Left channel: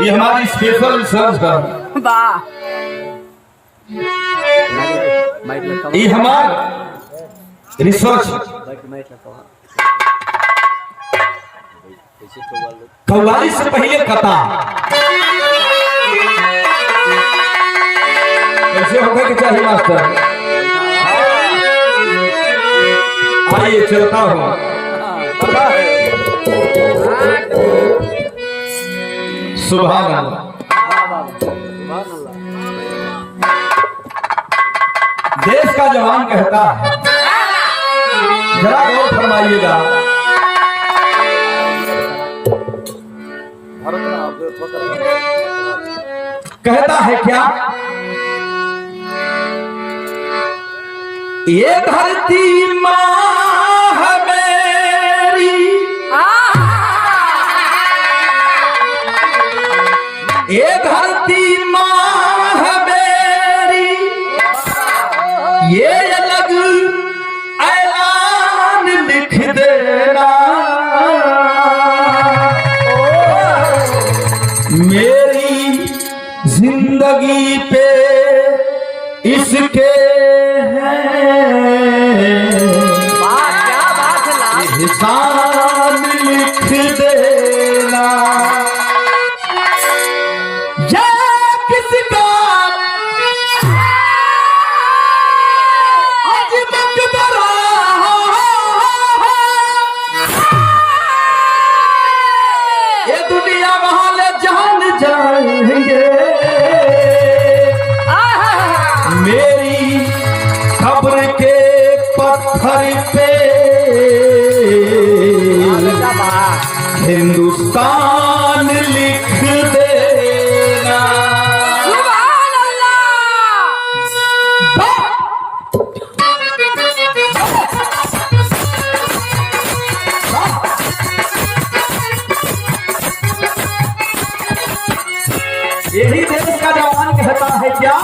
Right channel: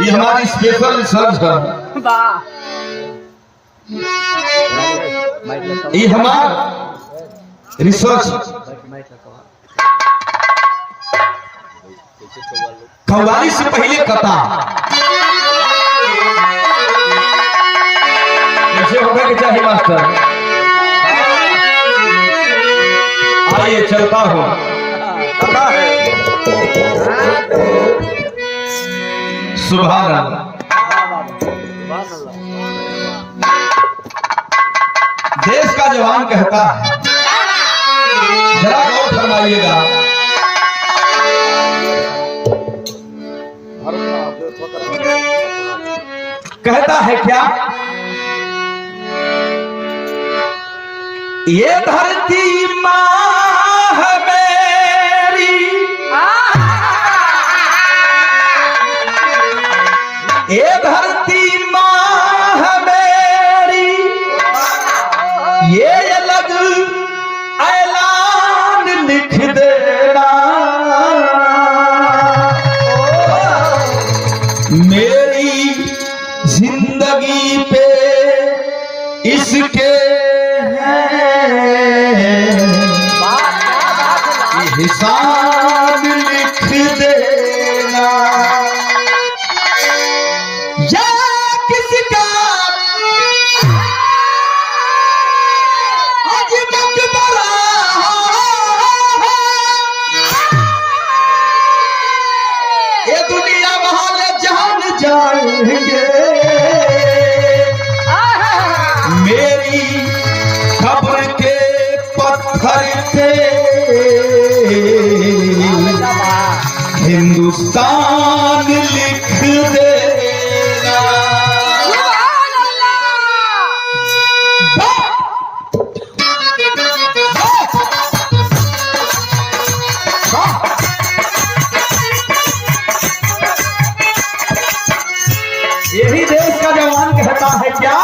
ये हमारी special research है। ये हमारा रिसर्च कव्वाली से पहले कथा ऐसे होगा कि चाहिए मास्टर। आइए चलता हूँ सुभान अल्लाह। देश का जवान कहता है, जरा गौर फरमाइएगा, कहता है क्या, ये धरती माँ है मेरी, ये धरती माँ है मेरी, ये अलग ऐलान लिख देना, मेरी जिंदगी पे इसके हिसाब लिख देना। ये किसका आज मकबरा, ये दुनिया वाले जान जाएंगे, मेरी कब्र के पत्थर पे हिंदुस्तान लिख देना। यही देश का जवान कहता है क्या,